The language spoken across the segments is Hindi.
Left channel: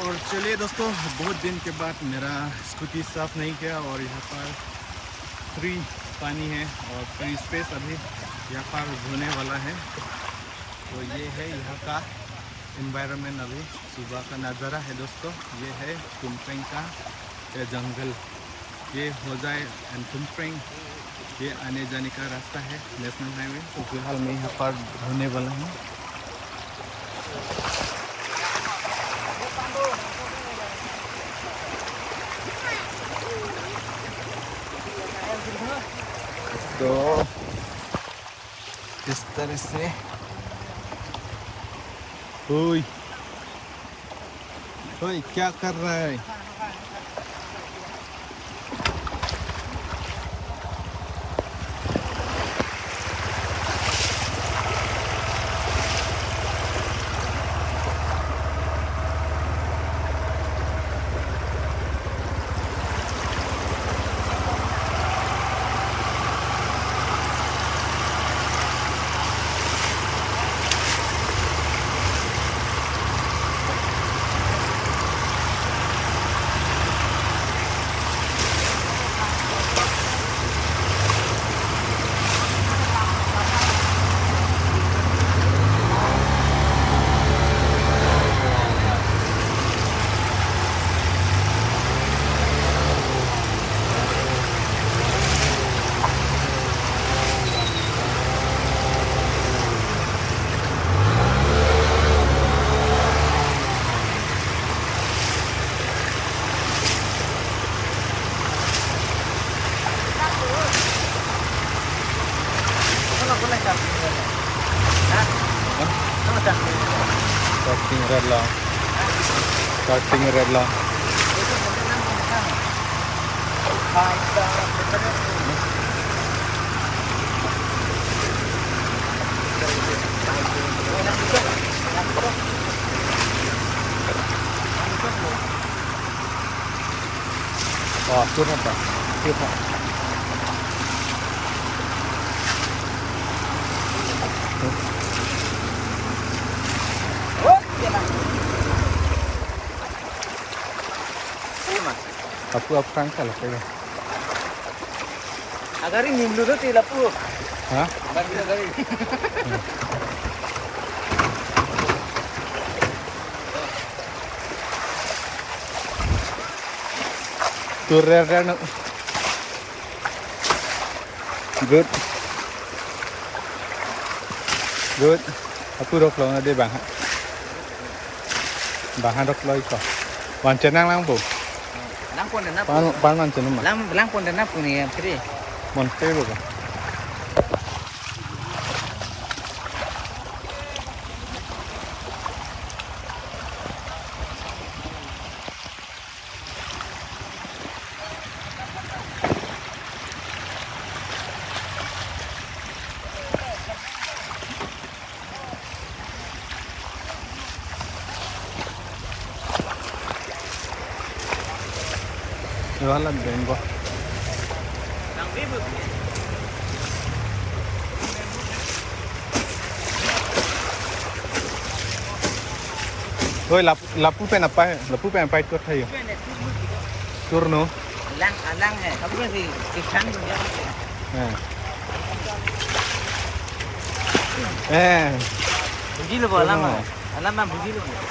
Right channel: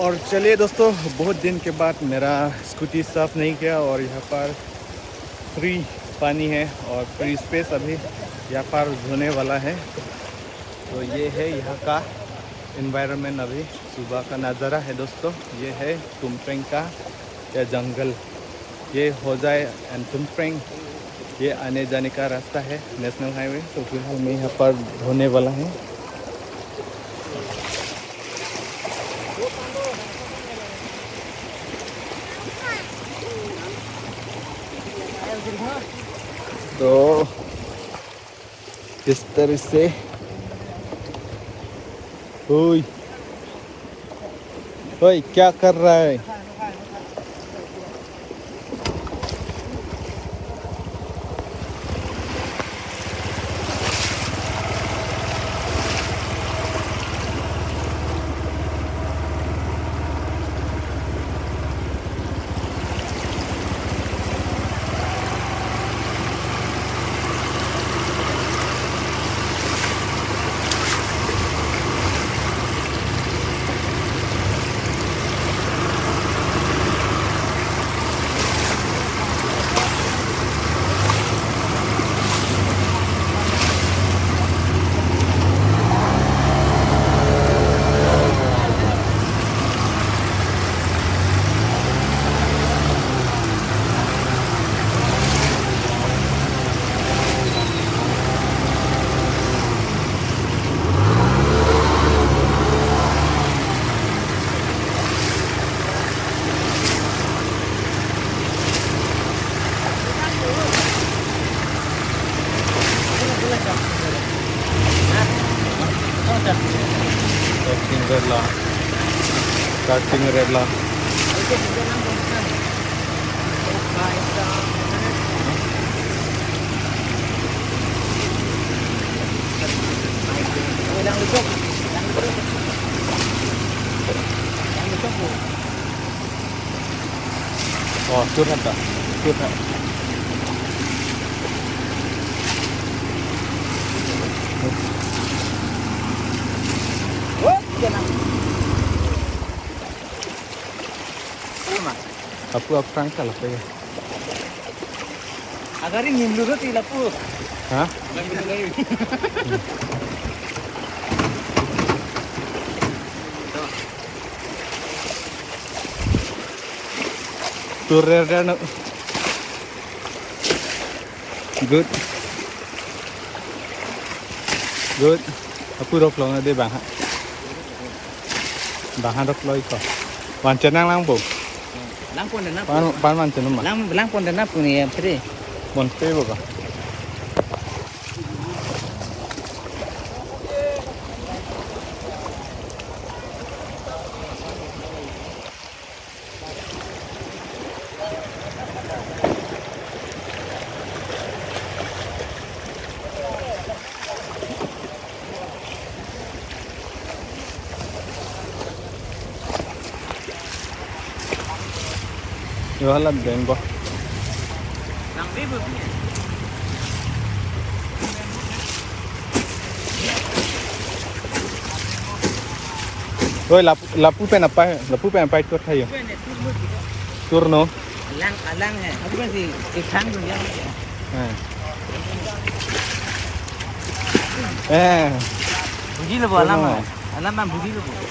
और चलिए दोस्तों, बहुत दिन के बाद मेरा स्कूटी साफ़ नहीं किया और यहाँ पर फ्री पानी है और फ्री स्पेस अभी यहाँ पर धोने वाला है। तो ये है यहाँ का इन्वायरमेंट, अभी सुबह का नज़ारा है दोस्तों। ये है तुमप्रेंग का या जंगल, ये हो जाए एंड तुमप्रेंग, ये आने जाने का रास्ता है, नेशनल हाईवे। तो फिलहाल मैं यहाँ पर धोने वाला हूँ। तो इस तरह से ओए ओए क्या कर रहा है? Starting red lah. Oh, curhat dah. Curhat. Apa pangkal apa ya? Agar ini dulu tu lapu. Hah? Bangun dari. Turun no. Good. Good. Aku rok long ada bang. Bang rok loi kah? Wan cenang lang bu. Langpon dan apa? Pan man cenang mah. Langpon dan apa ni yang teri? Wan teh bu kah? Wala bengo. Oi lapu pen apa? Lapu pen apa itu thay? Turno. Alang ni. Apa sih? Ikan tu ni. Begini boleh alang. Alang kan begini boleh.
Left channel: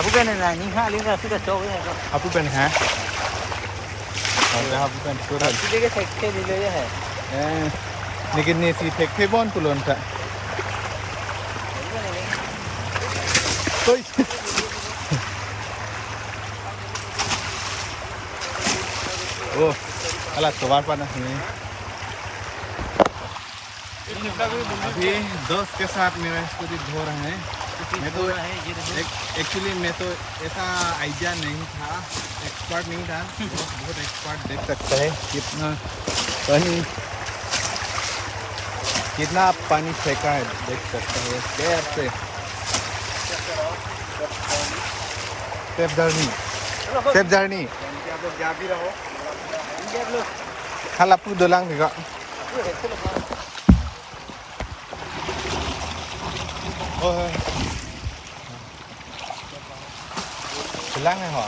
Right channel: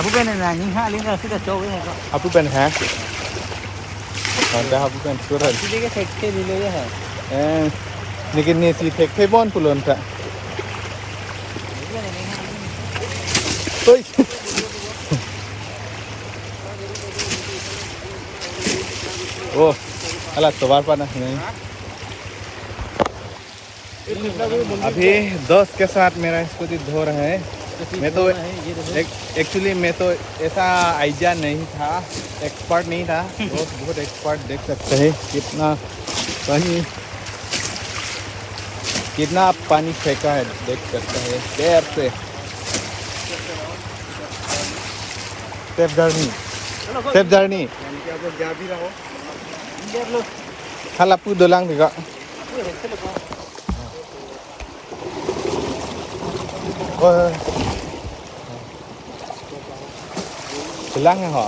Tapi kan ni hak ni sudah jauh ni. Apu pen ha? Ada apu pen turun. Jadi ke set ni le ya. Ni kini si tek bon pulon tak? Oi. Oh, alat sobar pa na नहीं। अभी 10 के साथ मेरा स्कूटी धो रहे हैं। मैं तो एक्चुअली मैं तो ऐसा आइडिया नहीं था, एक्सपर्ट नहीं था। बहुत एक्सपर्ट, देख सकते हैं कितना पानी फेंका है, देख सकते हैं पैर से। सेफ जर्नी खाला पू दोलांग देखा Lang hả?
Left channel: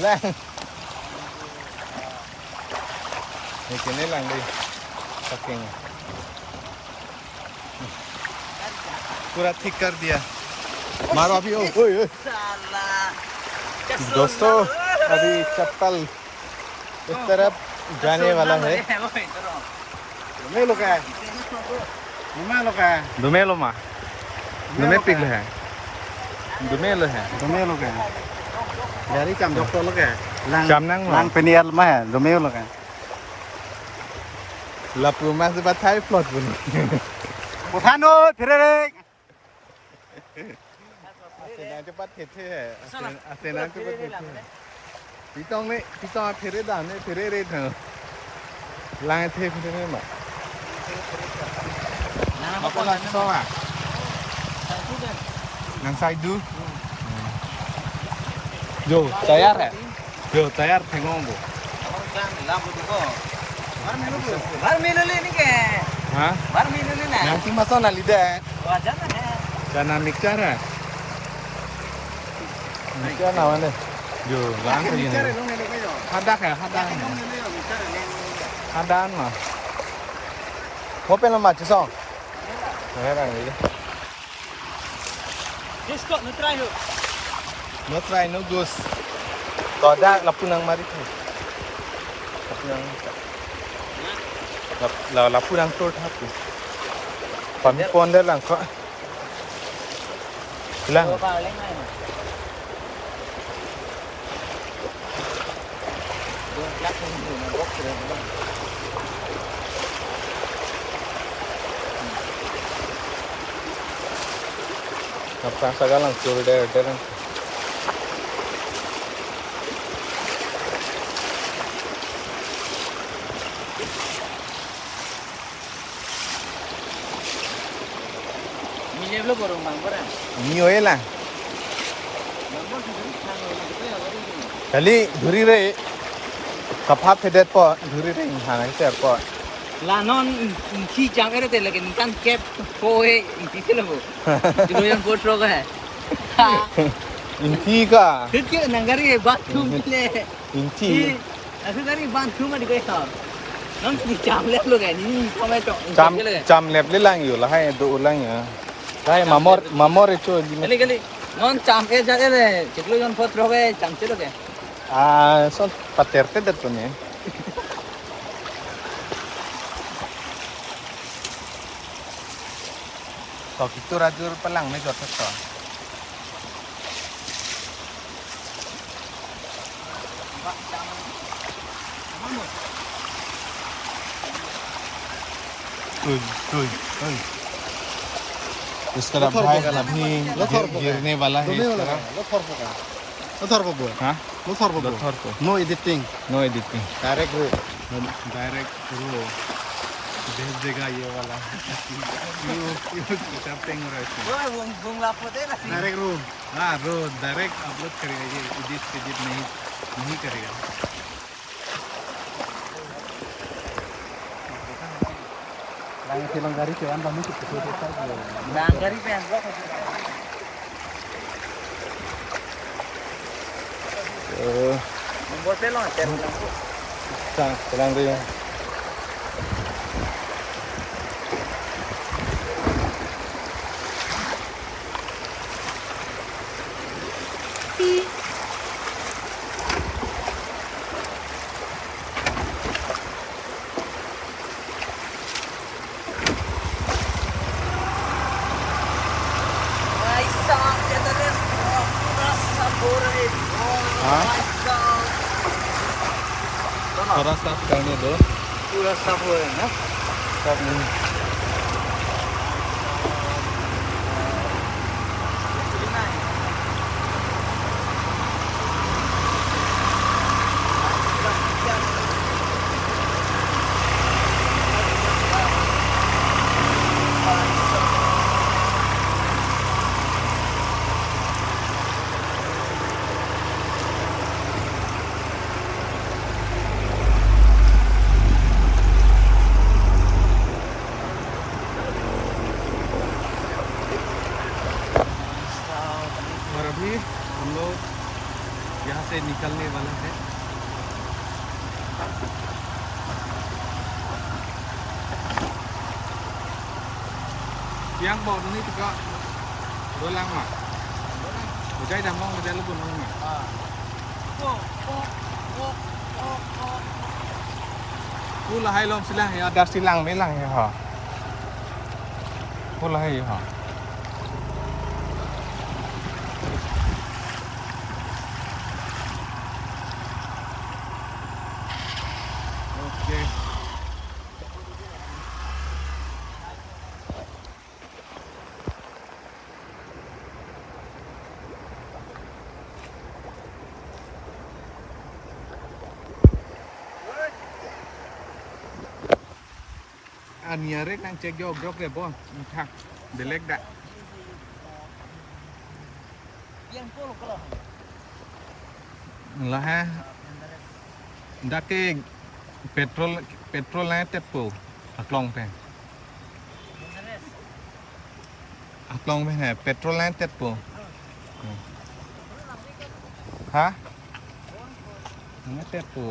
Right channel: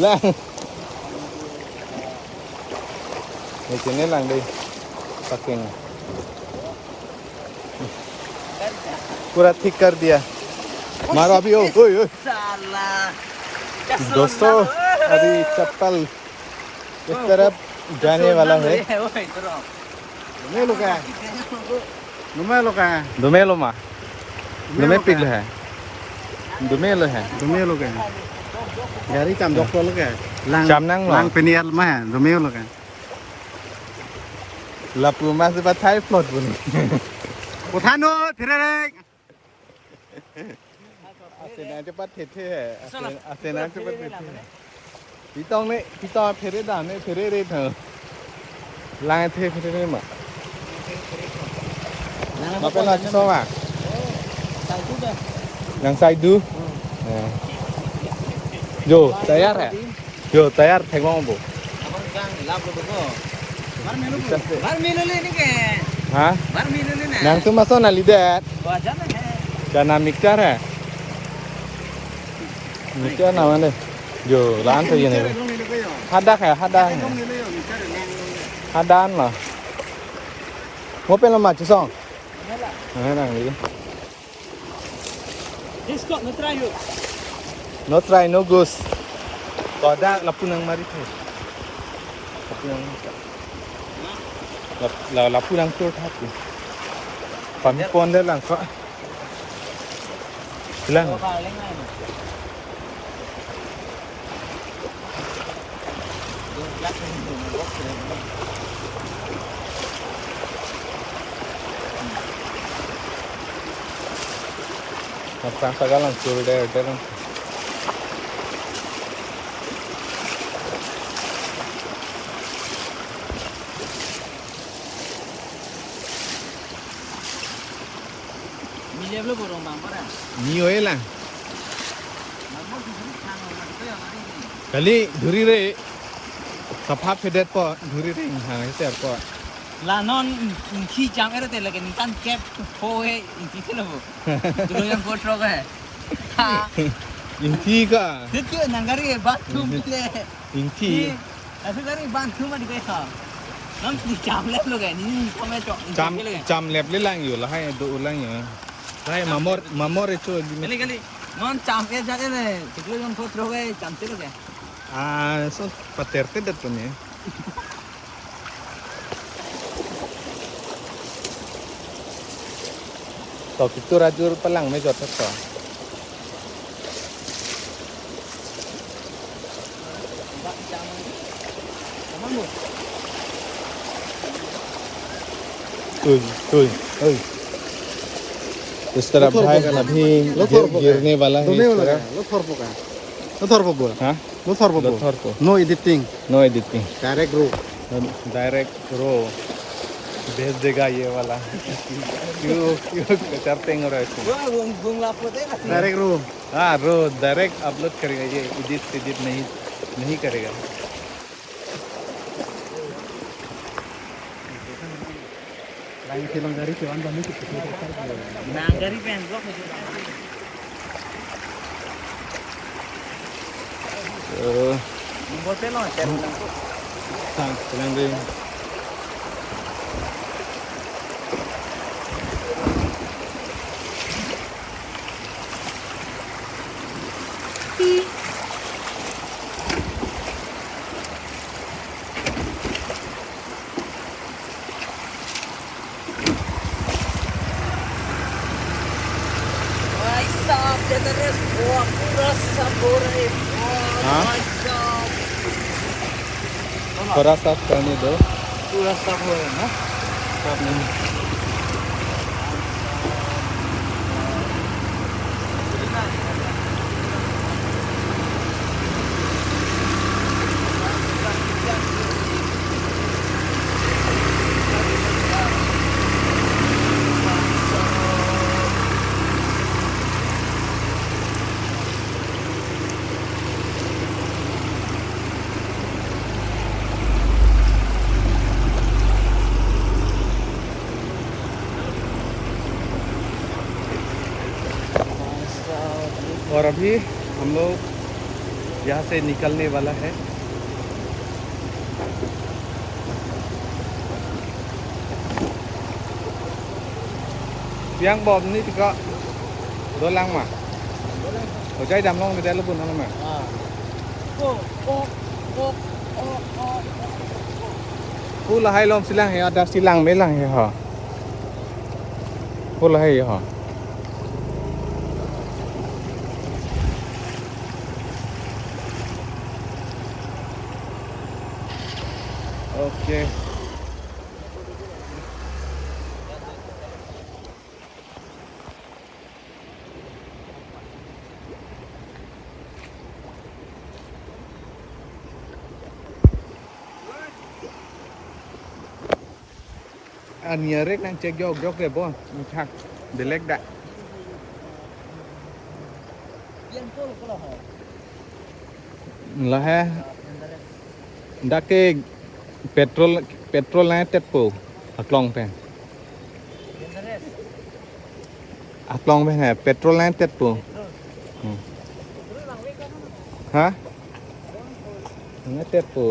Lang. Mình chỉ nên làm đi. Fucking. पूरा ठीक कर दिया मारो अभी ओ ओए ओए दोस्तों अभी चप्पल इस तरफ जाने वाला है दुमेलो मा दुमे पिघल है दुमेलो है Dari cam dokter lo kayak. Cam nang lang penial mah, domeo lo kan. lap rumah si batai plot pun Puthano, tererek. Asena cepat hete है Asena cepat hete है Pitong ne pitong phere dam ne phere re thang Lang the phere ma Ma pe la so ma Yang sai du Yo tayar hai Yo tayar thagong bo Bar miluli ni ke? Ha Bar miluli na. Nang tu masuk na lidat Wajar na hai. Dan nam nikcar hai Nikcar nama ne Yo lang the ne Hadak hai hadak Hadan lah Mau pe la ma chu song Nghe bằng gì This got no try you. No try, no goose. Có đã là punang mari thôi. Là punang tốt hết rồi. Còn con đó là có. Pulang. Apa segala sudah ada. Ni je lo borom bang beran. Ni oye lah. Kali dhuri re. Safat hedet po dhuri re hana iter po. La non si chang ere te lekin kan cap hoye इसी लोगो जो बोट लोग है Inti ka. क्यों नगरी बाथरूम ले Inti. ऐसे करी बाथरूम में गए नम si chang ले लोग है नहीं समय तो Jam lep le lang yo lah hai do lang ya. Hai mamor itu di गली गली non chang के जाके ले चिकलो जन फोट लोग है chang से लोग है so paterte dat pun ya. So itu rajur pelang me jot to. Ui. इस तरफ भाई अभी गिरने वाला है इस तरफ Lothor po bola. हाँ Lothor po. Lothor po. No editing. No editing Direct route. Direct route भेज देगा ये वाला क्यों करते हो रहा है Bung lapo deh lah. Direct route हाँ रो डायरेक्ट अपलोड करेगा ये एडिट नहीं करेगा Lang silang gari ke anda ni kita Lang gari ke anda चलाएंगे ये हाँ थोड़ा सा करने दो स्टॉप नहीं और अभी हम लोग यहाँ से निकलने वाला है। Yang bom ni juga dolang mah. Có trái đầm không? Người ta lúc buồn không mà. Cú là hai lom silang ya, ada silang melang ya ha. Cú là hai ya ha. Okay. Anh rek đang check vô cái bon, thằng để lek đại. Là ha. Đã cái petrol này tết po, atlong pe. Atlong pe này petrol này tết po. Hả? Nó tết po.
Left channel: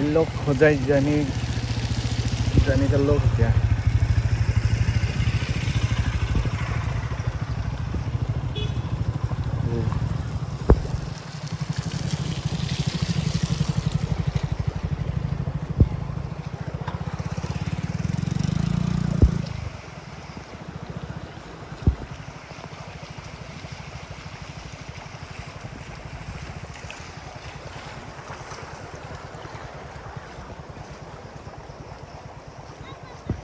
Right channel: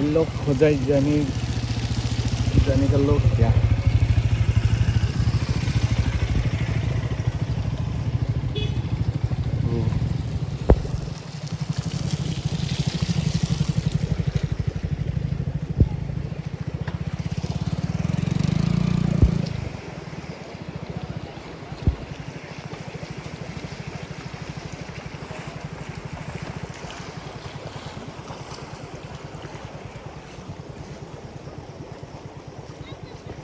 इन लोग हो जाए जाने का लोग क्या